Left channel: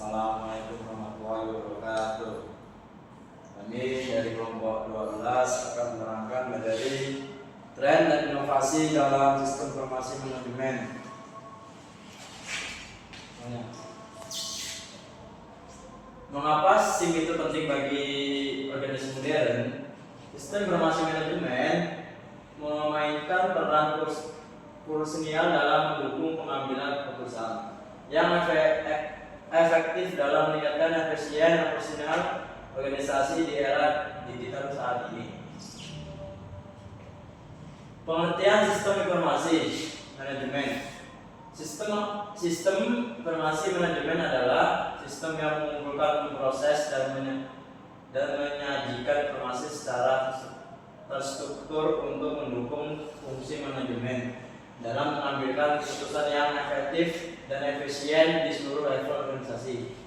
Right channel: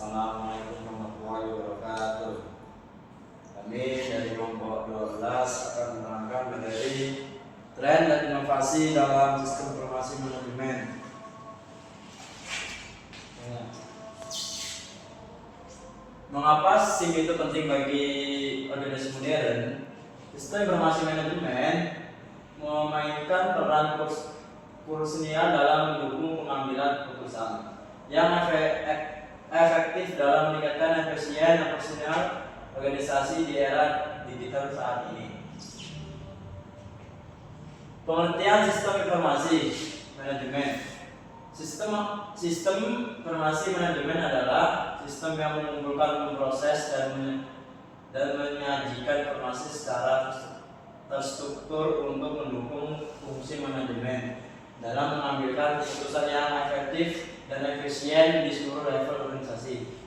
Assalamualaikum warahmatullahi wabarakatuh. Kami dari kelompok 12 akan menerangkan materi tren dan inovasi dalam sistem informasi manajemen. Mengapa SIM itu penting bagi organisasi modern? Sistem informasi manajemen memainkan peran krusial dalam mendukung pengambilan keputusan yang efektif dalam meningkatkan efisien operasional organisasi di era digital saat ini. Pengertian sistem informasi manajemen. Sistem informasi manajemen adalah sistem yang mengumpulkan, memproses dan menyajikan informasi secara terstruktur untuk mendukung fungsi manajemen dalam mengambilkan keputusan yang efektif dan efisien di seluruh level organisasi.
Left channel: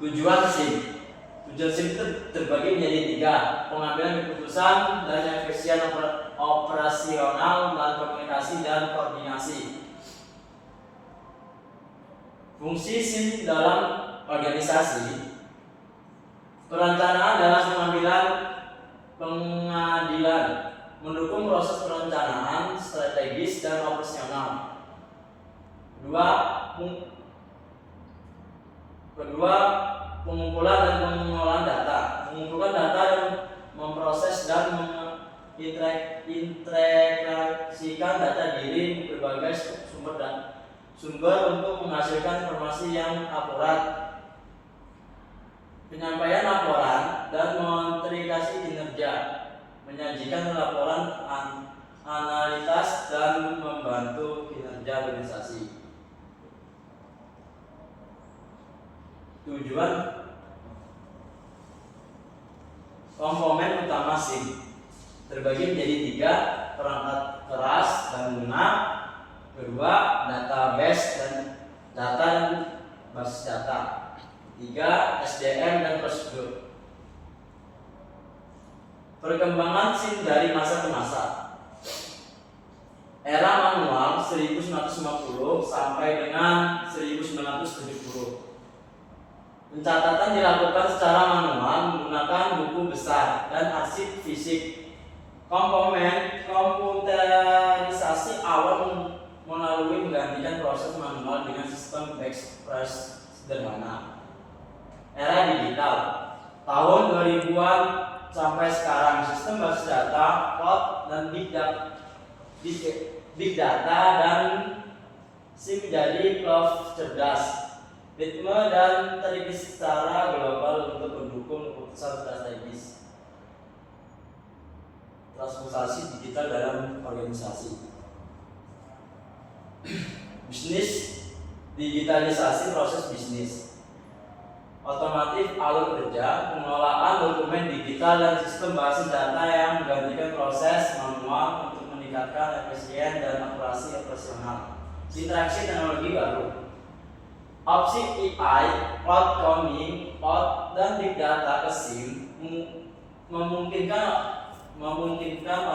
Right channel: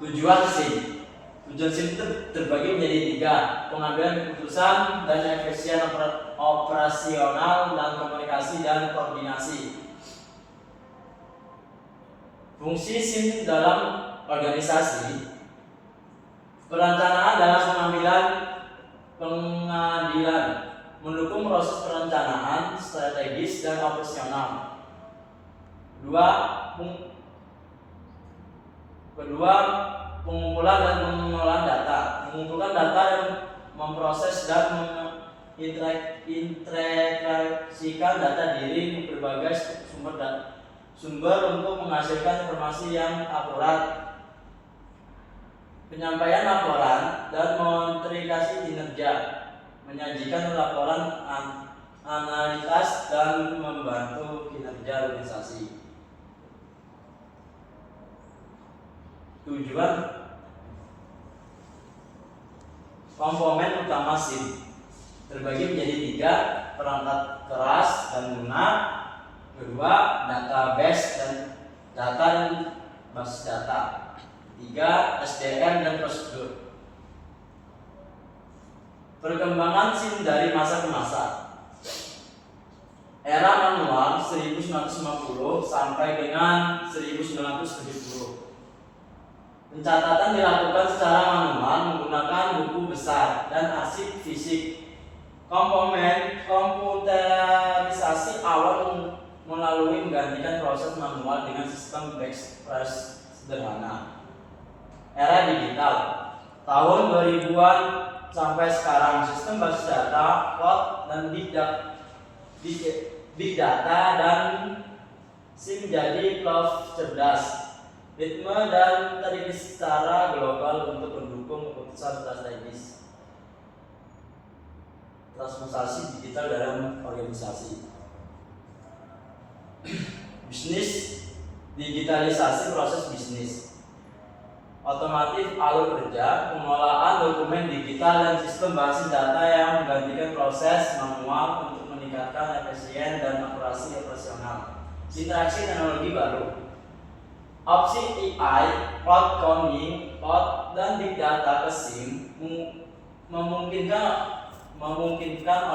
Tujuan SIM itu terbagi menjadi 3: pengambilan keputusan dan efisien operasional dan komunikasi dan koordinasi. Fungsi SIM dalam organisasi: perencanaan dalam pengadilan, mendukung proses perencanaan strategis dan operasional. Kedua, pengumpulan dan pengelolaan data, mengumpulkan data dan memproses dan mengintegrasikan data dari berbagai sumber untuk menghasilkan informasi yang akurat. Penyampaian laporan dan monitorasi kinerja, menyajikan laporan analitas dan membantu kinerja organisasi. Tujuan komponen utama SIM terbagi menjadi 3: perangkat keras dan lunak, kedua database dan data dan basis data, 3 SDM dan prosedur. Perkembangan SIM dari masa ke masa. Era manual 1950 sampai dengan 1970. Pencatatan dilakukan secara manual menggunakan buku besar dan arsip fisik. Komponen komputerisasi awal melalui menggantikan proses manual dengan sistem backpress sederhana. Era digital tahun 2000-an sampai sekarang, sistem basis data, cloud dan big data dan SIM menjadi cloud cerdas, ritme dan terintegrasi secara global untuk mendukung keputusan strategis. Transformasi digital dalam organisasi. Bisnis digitalisasi proses bisnis. Otomatis alur kerja, pengelolaan dokumen digital dan sistem basis data yang menggantikan proses manual untuk meningkatkan efisien dan akurasi operasional. Interaksi teknologi baru. Opsi AI, cloud computing, cloud dan big data ke SIM memungkinkan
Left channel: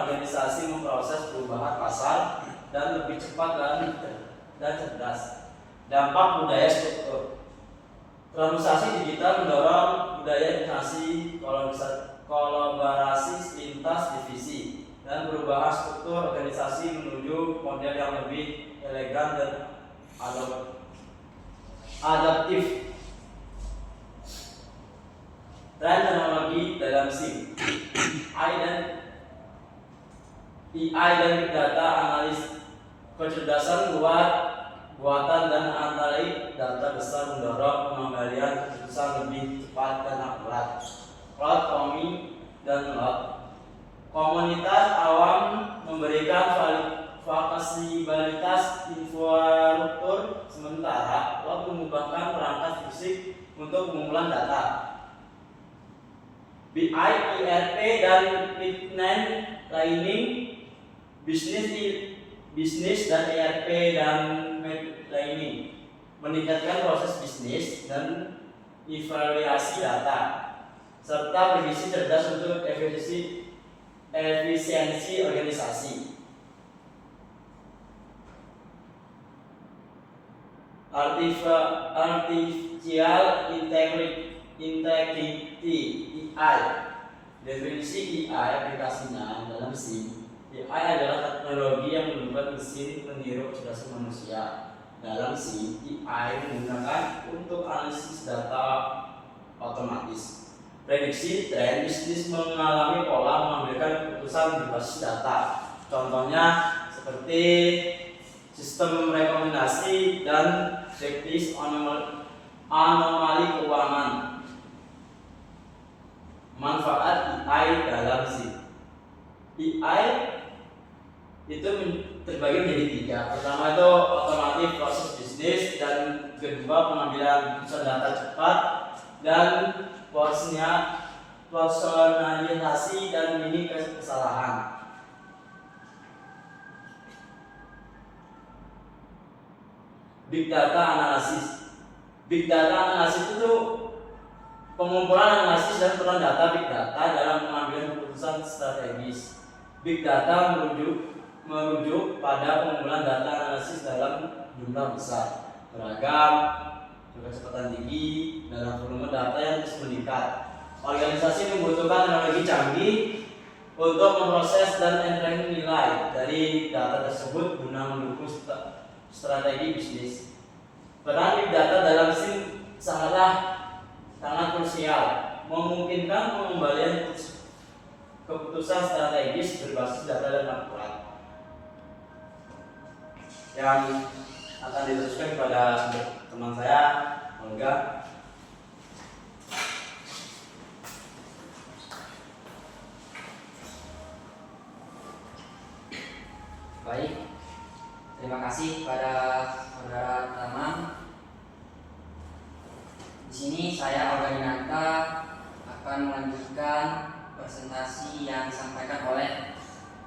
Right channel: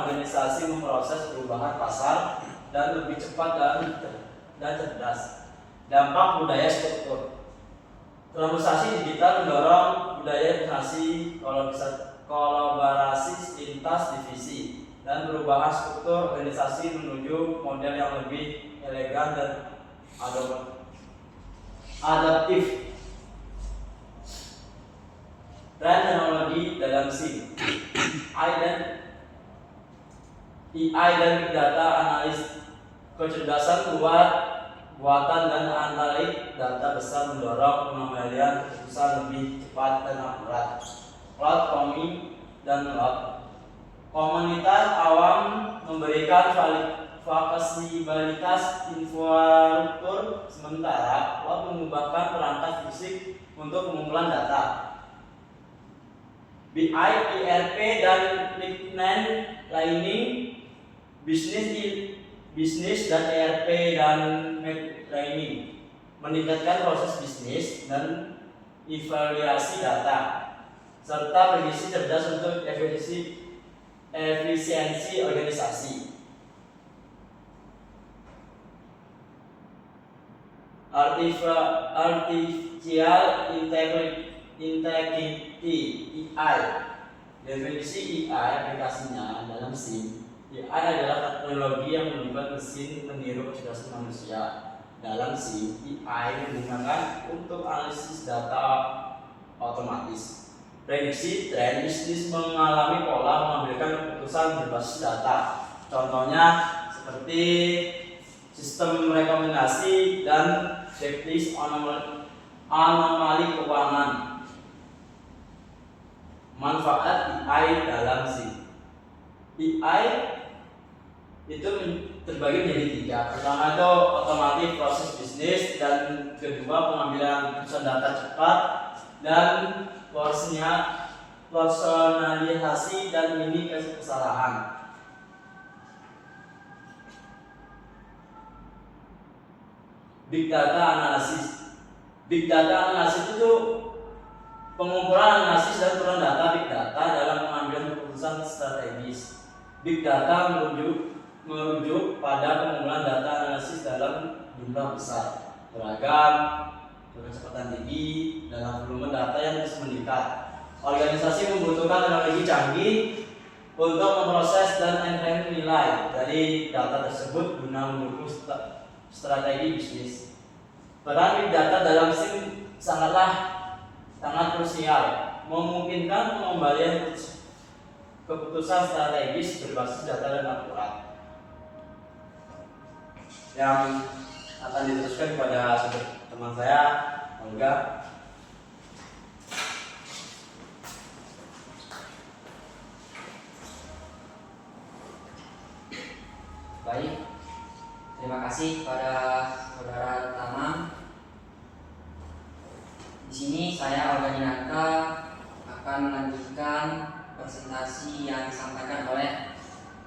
organisasi memproses perubahan pasar dan lebih cepat dan cerdas. Dampak budaya struktur. Transformasi digital mendorong budaya informasi, kolaborasi lintas divisi, dan perubahan struktur organisasi menuju model yang lebih elegan dan adaptif. Tren teknologi dalam SIM. AI dan big data analis, kecerdasan buatan dan analitik data besar mendorong pengembalian keputusan lebih cepat dan akurat. Cloud computing dan cloud. Komunitas awam memberikan fasilitas infrastruktur, sementara cloud mengubahkan perangkat fisik untuk pengumpulan data. BI, ERP dan planning, bisnis dan ERP dan planning meningkatkan proses bisnis dan evaluasi data, serta berisi cerdas untuk efisiensi organisasi. Artificial Integrity (AI). Definisi AI aplikasinya dalam SIM. AI adalah teknologi yang membuat mesin meniru kecerdasan manusia. Dalam SIM, AI digunakan untuk analisis data otomatis, prediksi tren bisnis, mengalami pola, mengambilkan keputusan berbasis data. Contohnya seperti sistem rekomendasi dan checklist anomali keuangan. Manfaat AI dalam SIM. AI itu terbagi menjadi 3. Pertama itu otomatis proses bisnis, dan kedua pengambilan keputusan data cepat, dan personalisasi dan minim kesalahan. Big data analysis. Big data analysis itu pengumpulan, analisis, dan peran data big data dalam pengambilan keputusan strategis. Big data merujuk pada pengumpulan data analisis dalam jumlah besar, beragam, berkecepatan tinggi, dalam volume data yang terus meningkat. Organisasi membutuhkan teknologi canggih untuk memproses dan entering nilai dari data tersebut guna mendukung strategi bisnis. Peran big data dalam SIM sangat krusial, memungkinkan pengembalian keputusan strategis berbasis data dan akurat. Yang akan diteruskan kepada teman saya, Olga. Baik, terima kasih pada saudara Tamam. Di sini saya Olga Dinata akan melanjutkan presentasi yang disampaikan oleh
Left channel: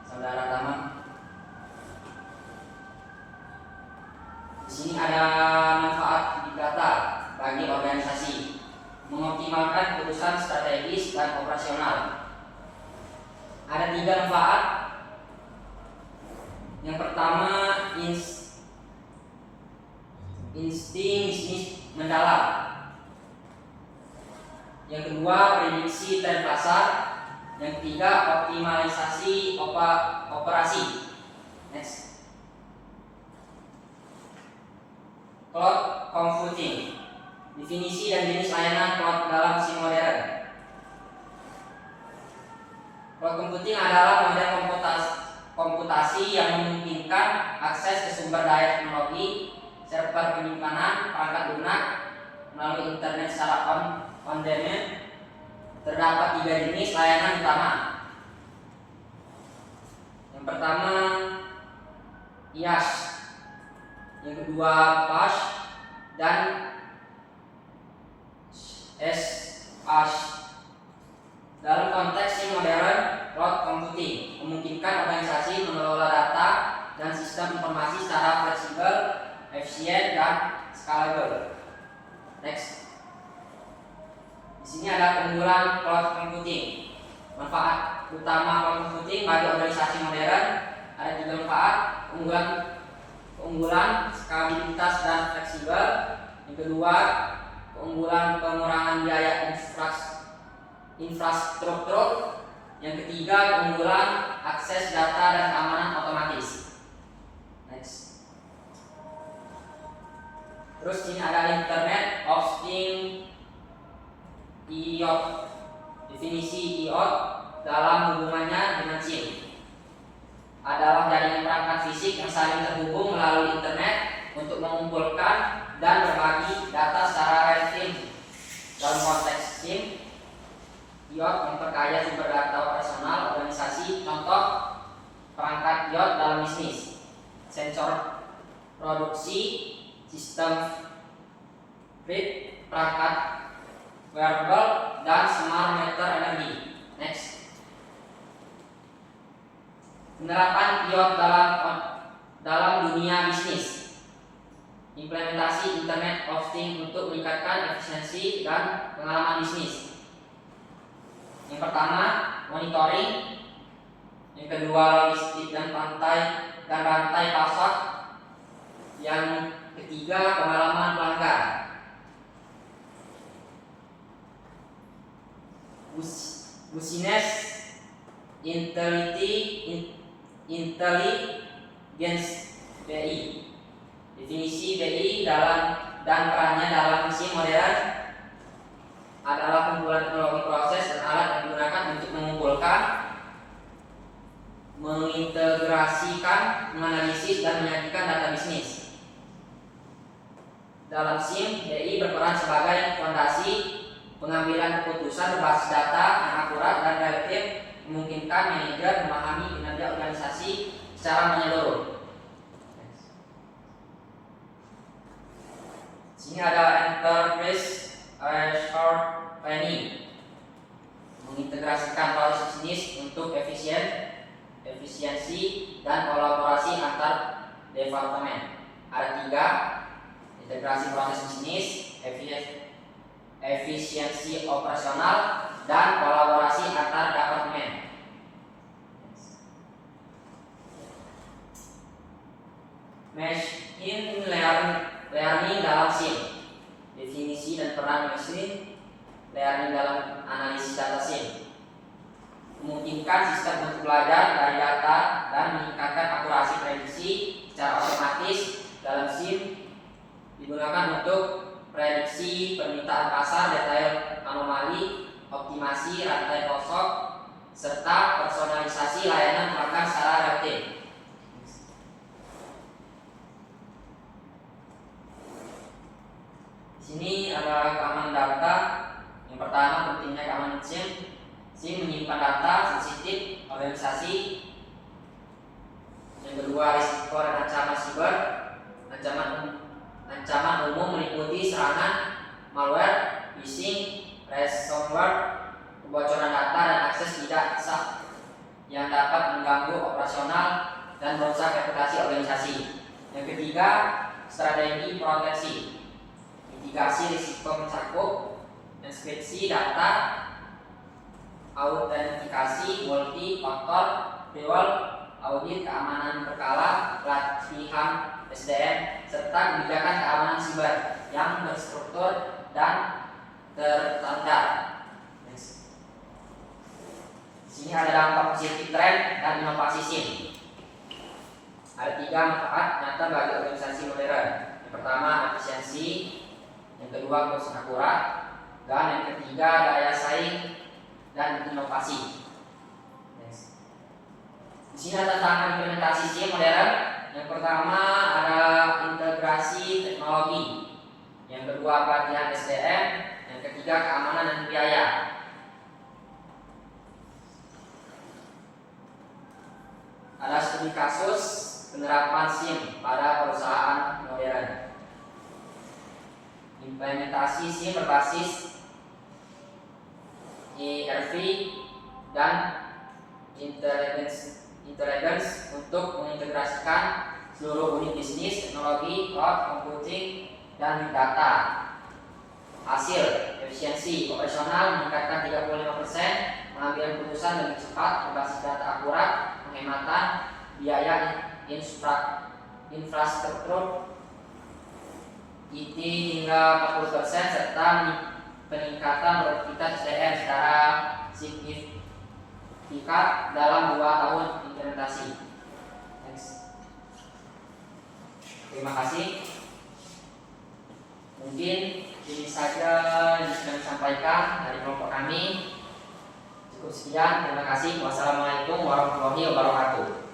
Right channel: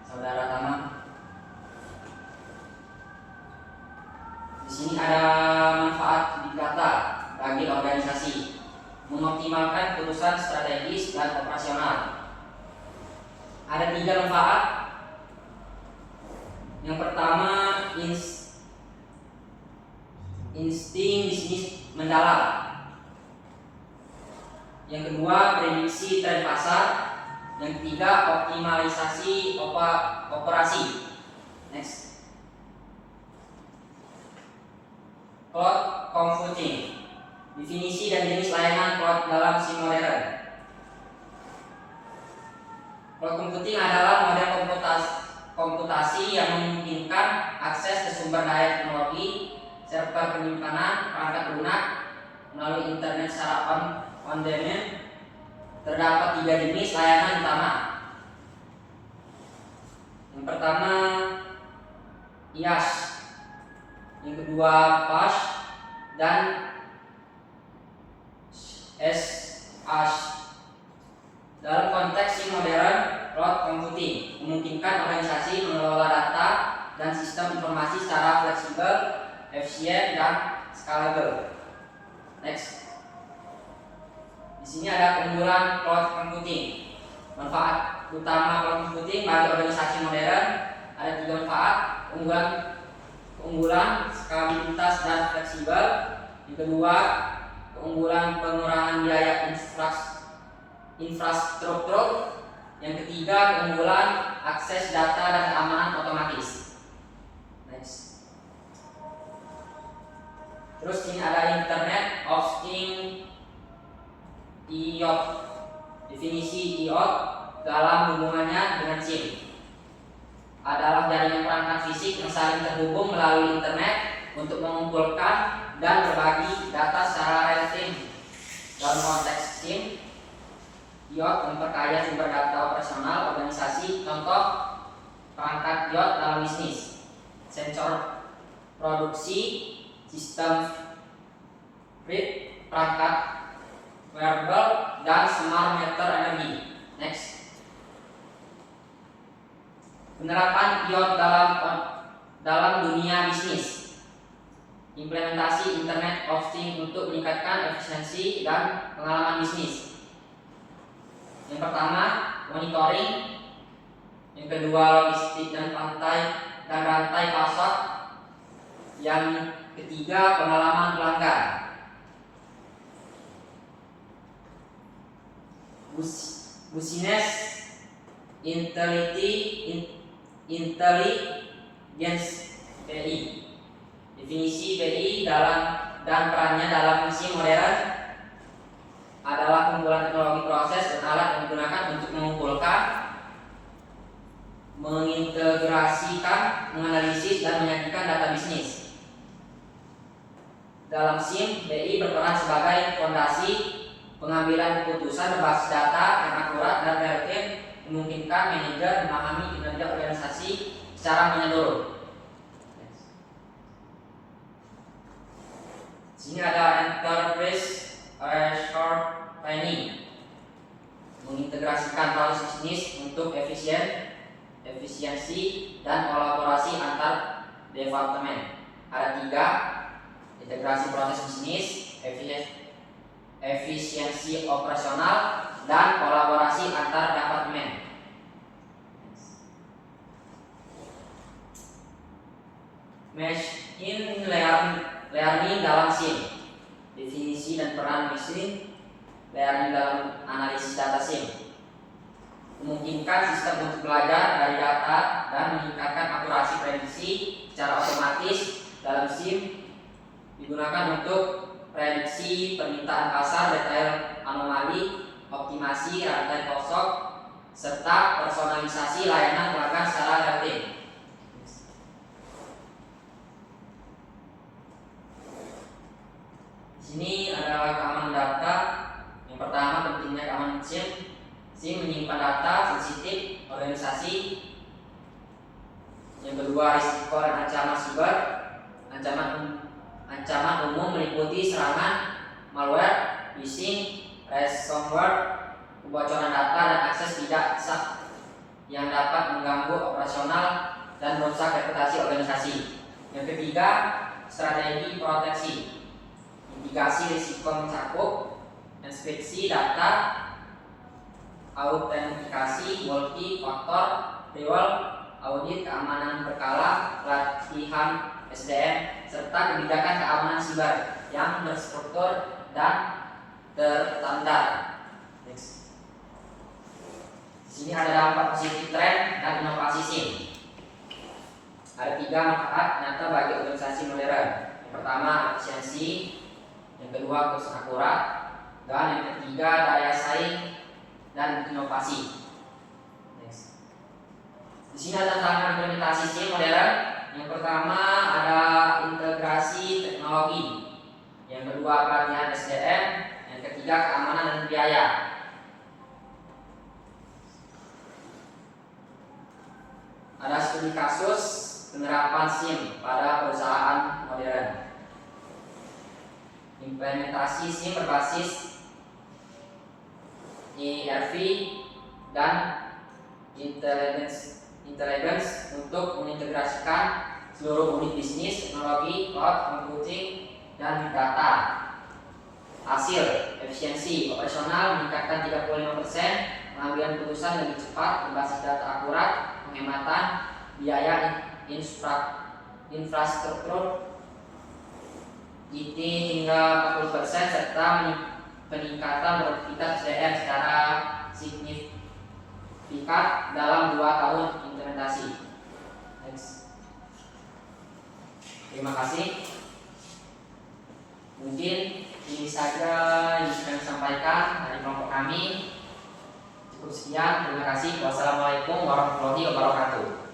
saudara Tamam. Di sini ada manfaat big data bagi organisasi, mengoptimalkan keputusan strategis dan operasional. Ada 3 manfaat. Yang pertama, insting bisnis mendalam. Yang kedua, prediksi tren pasar. Yang ketiga, optimalisasi operasi. Next. Cloud computing. Definisi dan jenis layanan cloud dalam SIM modern. Cloud computing adalah model komputasi yang memungkinkan akses ke sumber daya teknologi, server penyimpanan, perangkat lunak melalui internet secara on demand. Terdapat 3 jenis layanan utama. Yang pertama IaaS, yang kedua PaaS, dan SaaS. Dalam konteks SIM modern, cloud computing memungkinkan organisasi mengelola data dan sistem informasi secara fleksibel, efisien, dan scalable. Next. Di sini ada keunggulan cloud computing. Manfaat utama cloud computing bagi organisasi modern ada 3 manfaat. Keunggulan skalabilitas dan fleksibel. Yang kedua, keunggulan pengurangan biaya infrastruktur. Yang ketiga, keunggulan akses data dan keamanan otomatis. Next. Terus ini ada Internet of Things IoT. Definisi IoT dalam hubungannya dengan SIM adalah jaringan perangkat fisik yang saling terhubung melalui internet untuk mengumpulkan dan berbagi data secara real-time. Dalam konteks SIM, IoT memperkaya sumber data operasional organisasi. Contoh perangkat IoT dalam bisnis: sensor produksi, sistem grid, perangkat wearable, dan smart meter energi. Next. Penerapan IoT dalam dunia bisnis. Implementasi Internet of Things untuk meningkatkan efisiensi dan pengalaman bisnis. Yang pertama, monitoring. Yang kedua, logistik dan rantai pasok. Yang ketiga, pengalaman pelanggan. Business Intelligence BI. Definisi BI dan perannya dalam musim modern adalah kumpulan teknologi proses dan alat yang digunakan untuk mengumpulkan, mengintegrasikan, menganalisis, dan menyajikan data bisnis. Dalam SIM, BI berperan sebagai fondasi pengambilan keputusan berbasis data yang akurat dan relatif, memungkinkan manajer memahami kinerja organisasi secara menyeluruh. Sini ada enterprise resource planning, mengintegrasikan proses bisnis untuk efisiensi dan kolaborasi antar departemen. Ada 3, integrasi proses bisnis, efisiensi operasional, dan kolaborasi antar departemen. Machine learning dalam SIM. Definisi dan peran machine learning dalam analisis data SIM. Memungkinkan sistem untuk belajar dari data dan meningkatkan akurasi prediksi secara otomatis. Dalam SIM digunakan untuk prediksi permintaan pasar, detail anomali, optimasi rantai pasok, serta personalisasi layanan pelanggan secara relatif. Di sini ada keamanan data. Yang pertama, pentingnya keamanan SIM. SIM menyimpan data sensitif organisasi. Yang kedua, risiko dan ancaman siber. Ancaman umum meliputi serangan malware, phishing, ransomware, kebocoran data, dan akses tidak sah yang dapat mengganggu operasional dan merusak reputasi organisasi. Yang ketiga, strategi proteksi. Mitigasi risiko mencakup enkripsi data, autentikasi multi-faktor, dual, audit keamanan berkala, pelatihan SDM, serta kebijakan keamanan siber yang berstruktur dan terstandar. Di sini ada dampak positif tren dan inovasi SIM. Ada 3 manfaat nyata bagi organisasi modern. Yang pertama, efisiensi. Yang kedua, kursus akurat, dan yang ketiga, daya saing dan inovasi. Di sini ada tantangan implementasi SIM modern. Yang pertama ada integrasi teknologi. Yang kedua, pelatihan SDM. Yang ketiga, keamanan dan biaya. Ada studi kasus penerapan SIM pada perusahaan modern. Implementasi SIM berbasis ERP dan intelligence untuk mengintegrasikan seluruh unit bisnis, teknologi, cloud computing, dan big data. Hasil, efisiensi operasional meningkatkan 35%, pengambilan keputusan lebih cepat berbasis data akurat, penghematan biaya infrastruktur IT hingga 40%, serta peningkatan produktivitas SDM secara signifikan dalam 2 tahun implementasi. Next. Terima kasih. Mungkin ini saja yang bisa kami sampaikan dari kelompok kami. Cukup sekian. Terima kasih. Wassalamualaikum warahmatullahi wabarakatuh.